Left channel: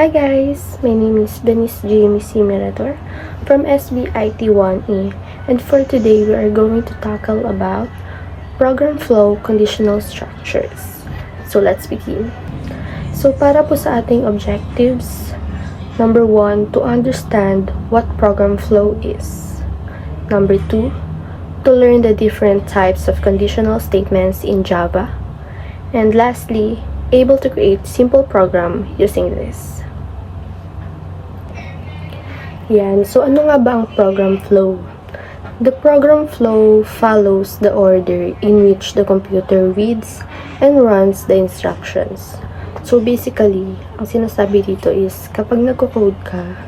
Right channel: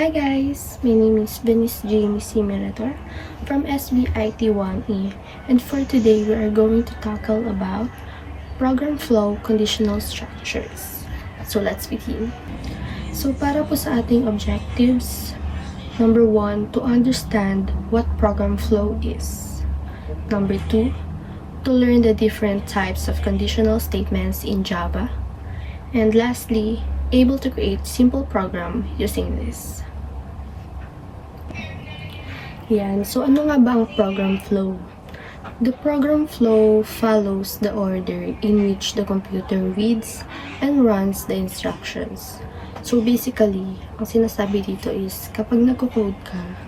Hi guys! My name is Venice Jamie Simerator from SBIT1E, and for today we are going to tackle about program flow conditional structures. So let's begin. So para po sa ating objectives, number 1, to understand what program flow is. Number 2, to learn the different types of conditional statements in Java. And lastly, able to create simple program using this. Yan. So, ano nga ba ang program flow? The program flow follows the order in which the computer reads and runs the instructions. So, basically, ang sinasabi dito is, kapag nagko-code ka,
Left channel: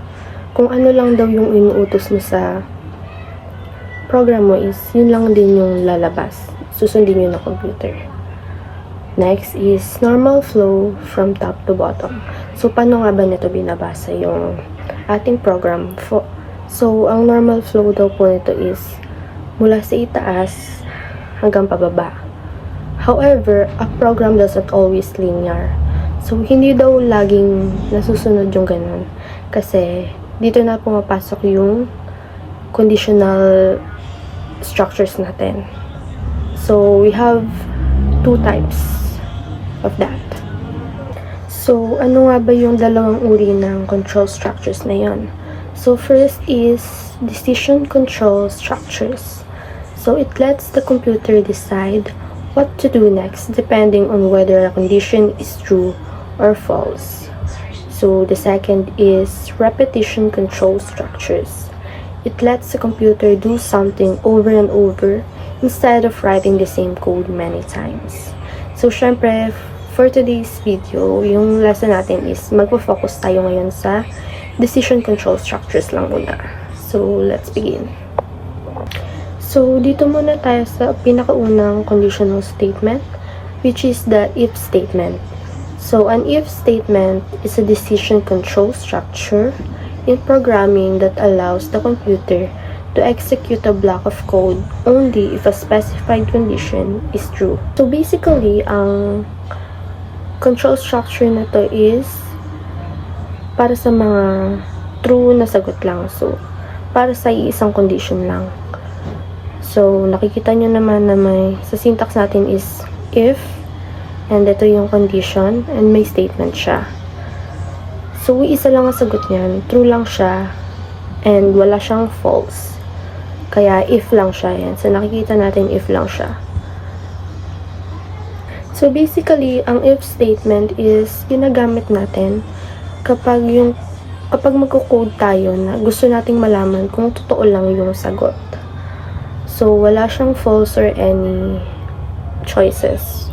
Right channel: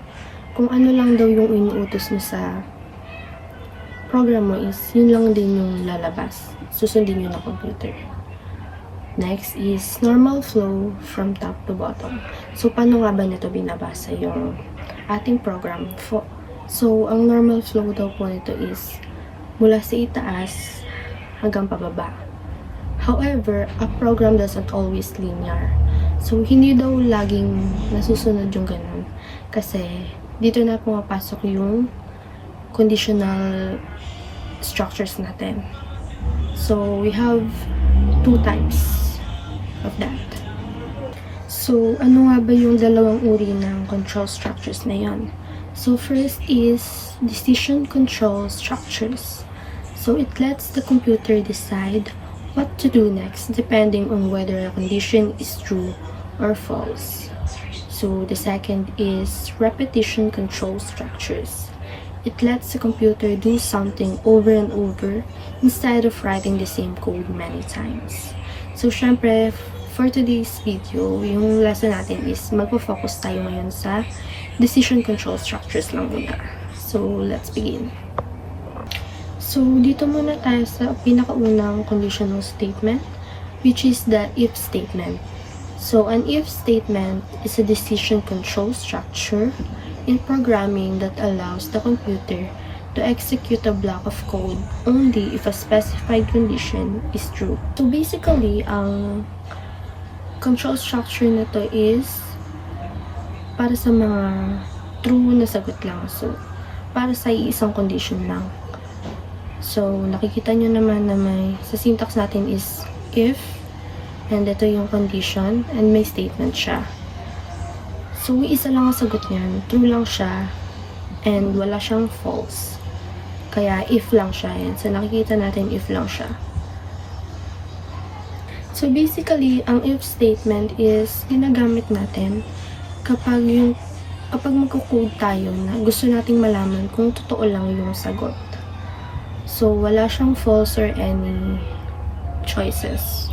kung ano lang daw yung inuutos mo sa program mo is, yun lang din yung lalabas. Susundin yun ng computer. Next is normal flow from top to bottom. So, paano nga ba nito binabasa yung ating program? So, ang normal flow daw po nito is mula sa itaas hanggang pababa. However, a program doesn't always linear. So, hindi daw laging nasusunod yung ganun. Kasi, dito na pumapasok yung conditional structures natin. So, we have two types of that. So, ano nga ba yung dalawang uri ng control structures na yon? So, first is decision control structures. So, it lets the computer decide what to do next depending on whether a condition is true or false. So, the second is repetition control structures. It lets the computer do something over and over instead of writing the same code many times. So, syempre, for today's video, yung lesson natin is magpo-focus tayo ngayon sa decision control structures lang muna. So, let's begin. So, dito muna tayo sa pinakaunang conditional statement, which is the if statement. So, an if statement is a decision control structure in programming that allows the computer to execute a block of code only if a specified condition is true. So, basically, ang control structure na to is para sa mga true na sagot lang. So, para sa isang condition lang. So, nakikita nyo naman na sa syntax natin is if, and ito yung condition, and may statement siya. So, isa lang ang sagot niyan. True lang siya, and wala siyang false. Kaya, if lang siya yan. So, nakikita natin if lang siya. So, basically, ang if statement is ginagamit natin kapag magko-code tayo na gusto nating malaman kung totoo lang yung sagot. So, wala siyang false or any choices.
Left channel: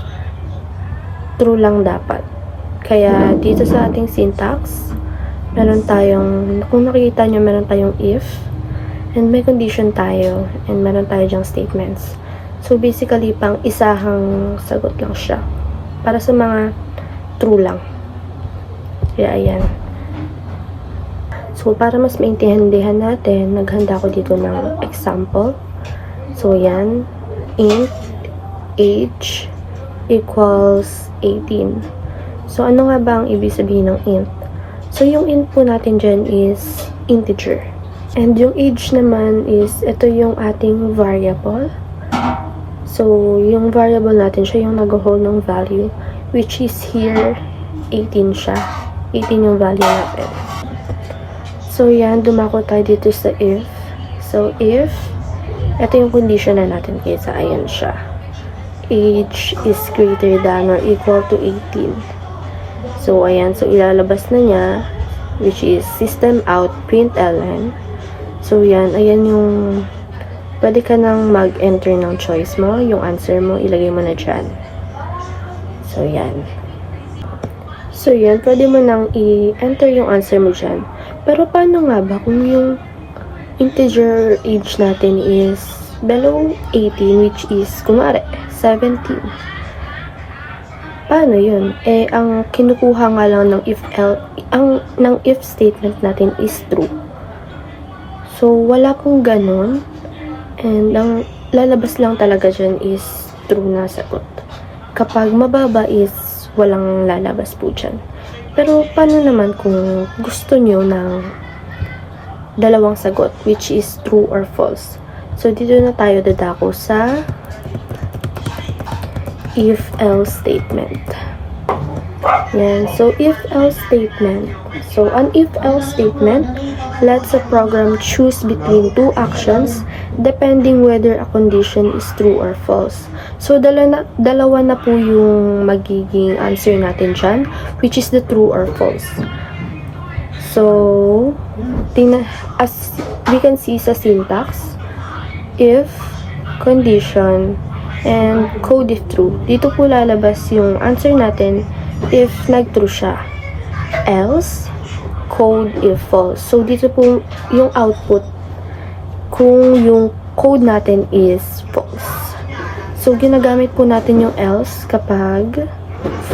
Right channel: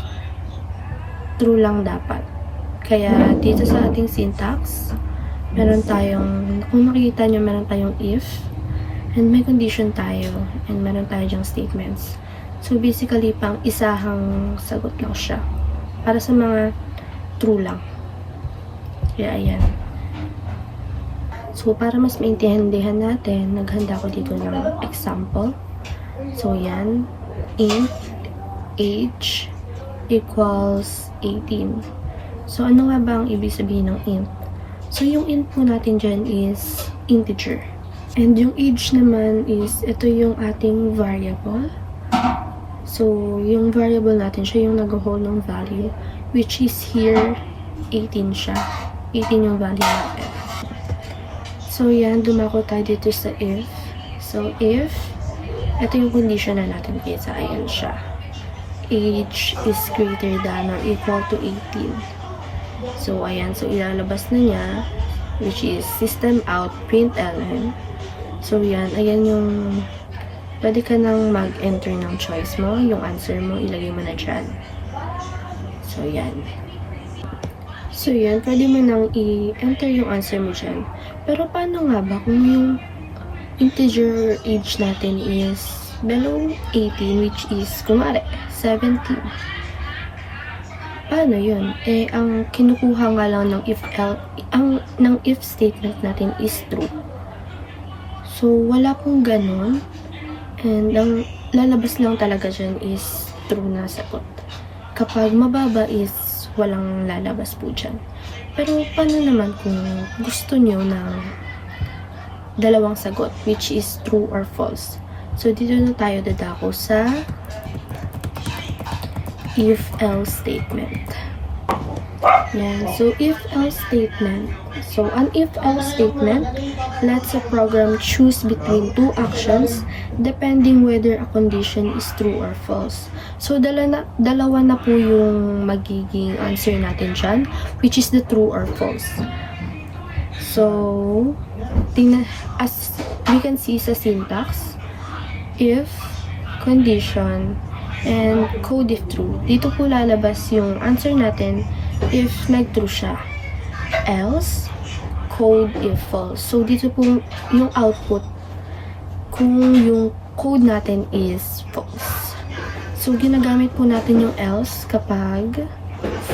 True lang dapat. Kaya, dito sa ating syntax, meron tayong, kung nakikita nyo, meron tayong if, and may condition tayo, and meron tayo dyang statements. So, basically, pang isahang sagot lang siya. Para sa mga true lang. Kaya, ayan. So, para mas maintindihan natin, naghanda ko dito ng example. So, yan. Int age equals 18. So, ano nga ba ang ibig sabihin ng int? So, yung int po natin dyan is integer. And yung age naman is, ito yung ating variable. So, yung variable natin, siya yung nag-hold ng value, which is here, 18 siya. 18 yung value natin. So, yan, dumako tayo dito sa if. So, if, ito yung condition na natin kaysa, ayan siya. Age is greater than or equal to 18. So, ayan, so ilalabas na niya, which is system out println. So, yan, ayan yung pwede ka nang mag-enter ng choice mo, yung answer mo, ilagay mo na dyan. So, yan. So, yan, pwede mo nang i-enter yung answer mo dyan. Pero, paano nga ba kung yung integer age natin is below 18, which is, kumare, 17? Paano yun? Eh, ang kinukuha nga lang ng ng if statement natin is true. So, wala pong ganun. And ang lalabas lang talaga dyan is true na sagot. Kapag mababa is walang lalabas po dyan. Pero paano naman kung gusto nyo ng dalawang sagot, which is true or false? So, dito na tayo dadako sa if-else statement. Yan. So, if-else statement. So, an if-else statement lets a program choose between two actions depending whether a condition is true or false. So, dalawa na po yung magiging answer natin dyan, which is the true or false. So, as we can see sa syntax, if, condition, and code if true. Dito po lalabas yung answer natin if nag-true siya. Else, code if false. So, dito po yung output kung yung code natin is false. So, ginagamit po natin yung else kapag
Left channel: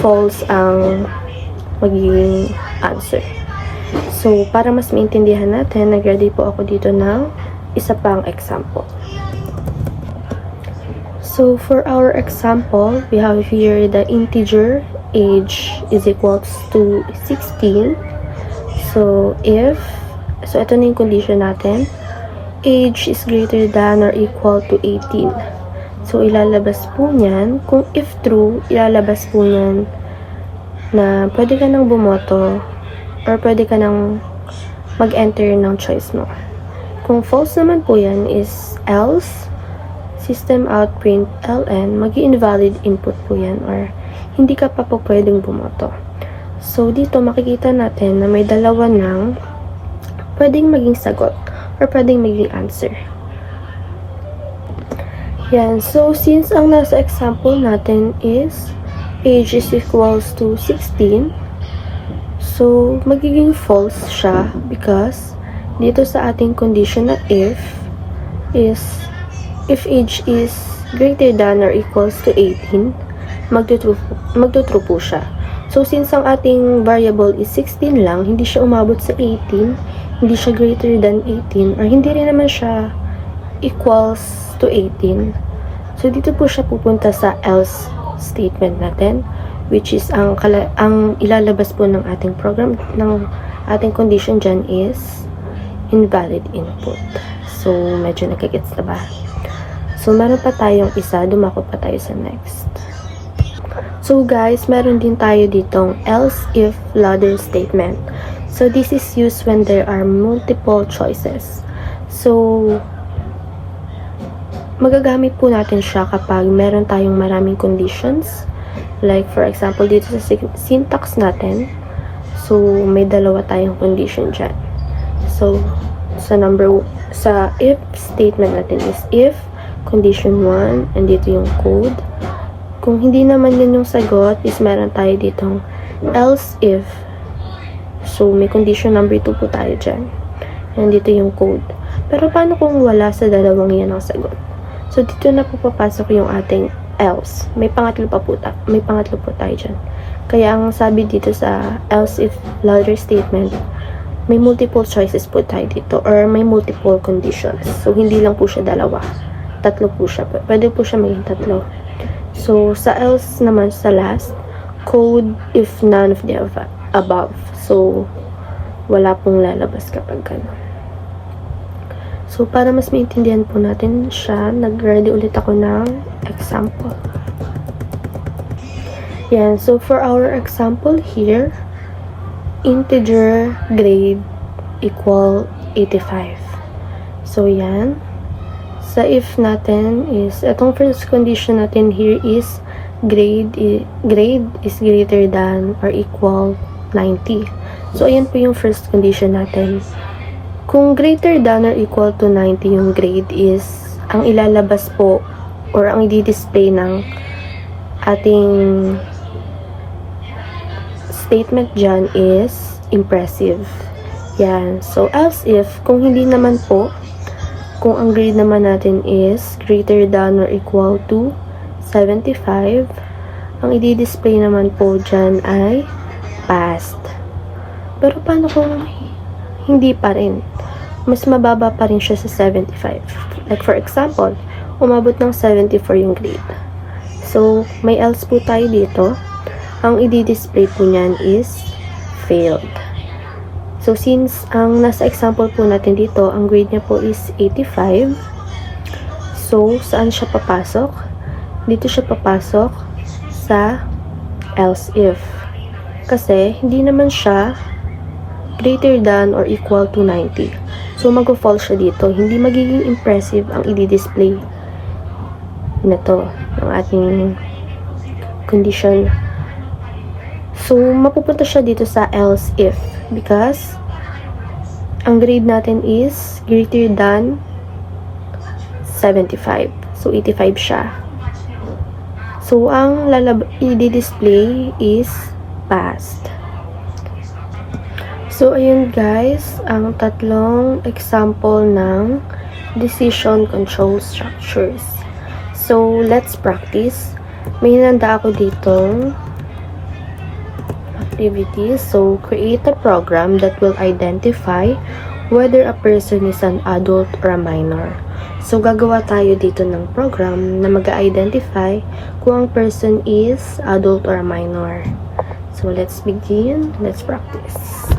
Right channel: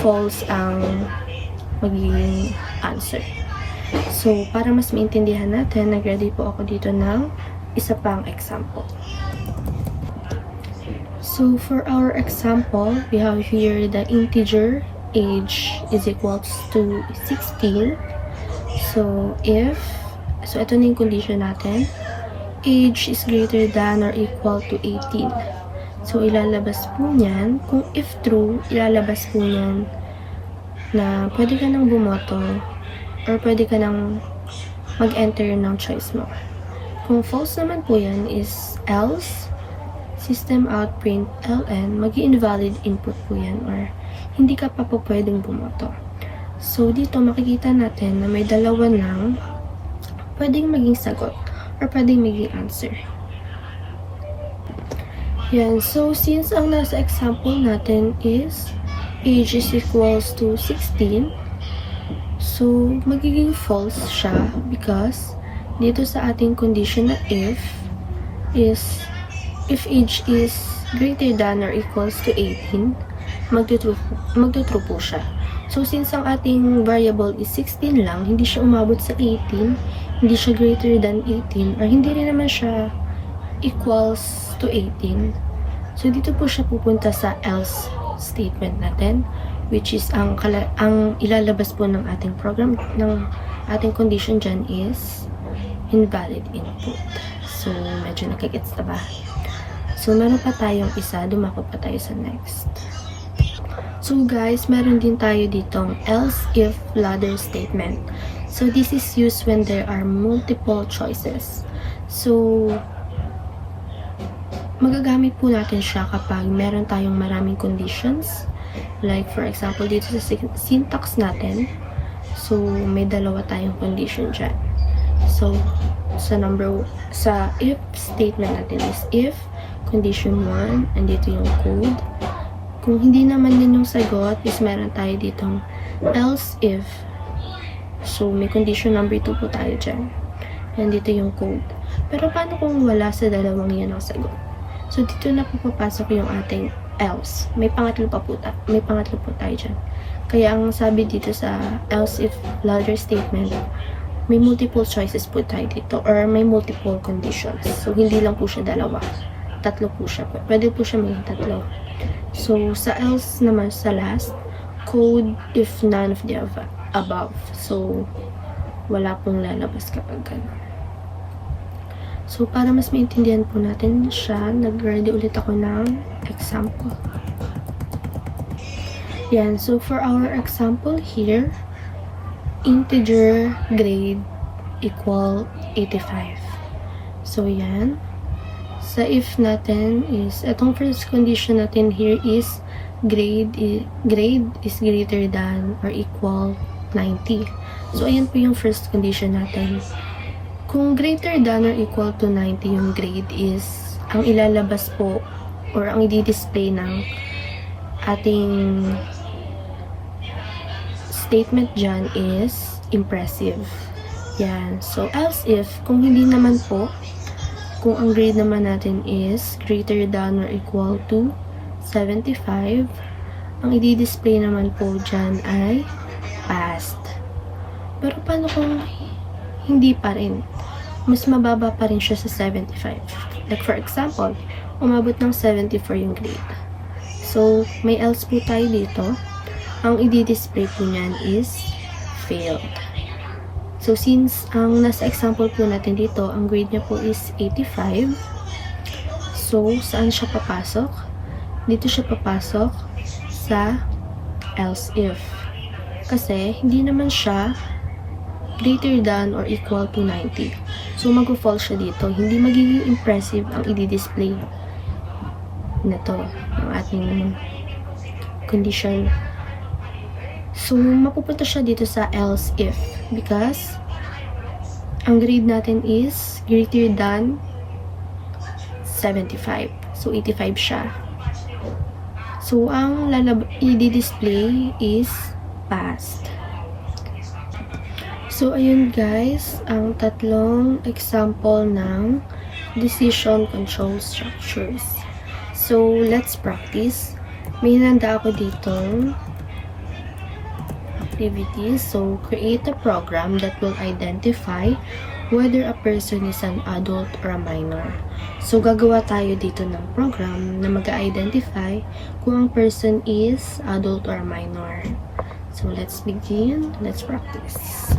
false ang magiging answer. So, para mas maintindihan natin, nag-ready po ako dito ng isa pang example. So, for our example, we have here the integer age is equals to 16. So, so ito na yung condition natin. Age is greater than or equal to 18. So, ilalabas po niyan, kung if true, ilalabas po niyan na pwede ka nang bumoto or pwede ka nang mag-enter ng choice mo. Kung false naman po yan is else, system out print ln, mag-invalid input po yan or hindi ka pa po pwedeng bumoto. So, dito makikita natin na may dalawa ng pwedeng maging sagot or pwedeng maging answer. Yan. So, since ang nasa example natin is age is equals to 16, so, magiging false siya because dito sa ating condition na if age is greater than or equals to 18, magto-true po siya. So, since ang ating variable is 16 lang, hindi siya umabot sa 18, hindi siya greater than 18, or hindi rin naman siya equals to 18. So, dito po siya pupunta sa else statement natin, which is ang ilalabas po ng ating program, ng ating condition dyan is invalid input. So, medyo nagkagets na ba? So, meron pa tayong isa, dumako pa tayo sa next. So guys, meron din tayo ditong else if ladder statement. So this is used when there are multiple choices. So magagamit po natin siya kapag meron tayong maraming conditions. Like for example, dito sa syntax natin, so may dalawa tayong condition dyan. So sa if statement natin is if condition 1, and dito yung code. Kung hindi naman yan yung sagot, is meron tayo ditong else if. So, may condition number 2 po tayo dyan. And dito yung code. Pero, paano kung wala sa dalawang yan ang sagot? So, dito na po papasok yung ating else. May pangatlo po tayo dyan. Kaya, ang sabi dito sa else if ladder statement, may multiple choices po tayo dito. Or may multiple conditions. So, hindi lang po siya dalawa. Tatlo po siya. Pwede po siya maging tatlo. So, sa else naman sa last, code if none of the above. So, wala pong lalabas kapag gano'n. So, para mas maintindihan po natin siya, nag-ready ulit ako ng example. Yan. So, for our example here, integer grade equal 85. So, yan. Sa if natin is, itong first condition natin here is grade is greater than or equal 90. So, ayan po yung first condition natin. Kung greater than or equal to 90 yung grade is, ang ilalabas po or ang i-display ng ating statement dyan is impressive. Yan. So, else if, kung hindi naman po, kung ang grade naman natin is greater than or equal to 75, ang i-display naman po dyan ay passed. Pero paano kung hindi pa rin? Mas mababa pa rin siya sa 75. Like for example, umabot ng 74 yung grade. So, may else po tayo dito. Ang i-display po niyan is failed. So, since ang nasa example po natin dito, ang grade niya po is 85. So, saan siya papasok? Dito siya papasok sa else if. Kasi, hindi naman siya greater than or equal to 90. So, mag-fall siya dito. Hindi magiging impressive ang i-display na to, ng ating condition. So, mapupunta siya dito sa else if because ang grade natin is greater than 75. So, 85 siya. So, ang i-display is past. So, ayun guys, ang tatlong example ng decision control structures. So, let's practice. May hinanda ako ditong activities. So, create a program that will identify whether a person is an adult or a minor. So, gagawa tayo dito ng program na mag-identify kung ang person is adult or a minor. So, let's begin. Let's practice.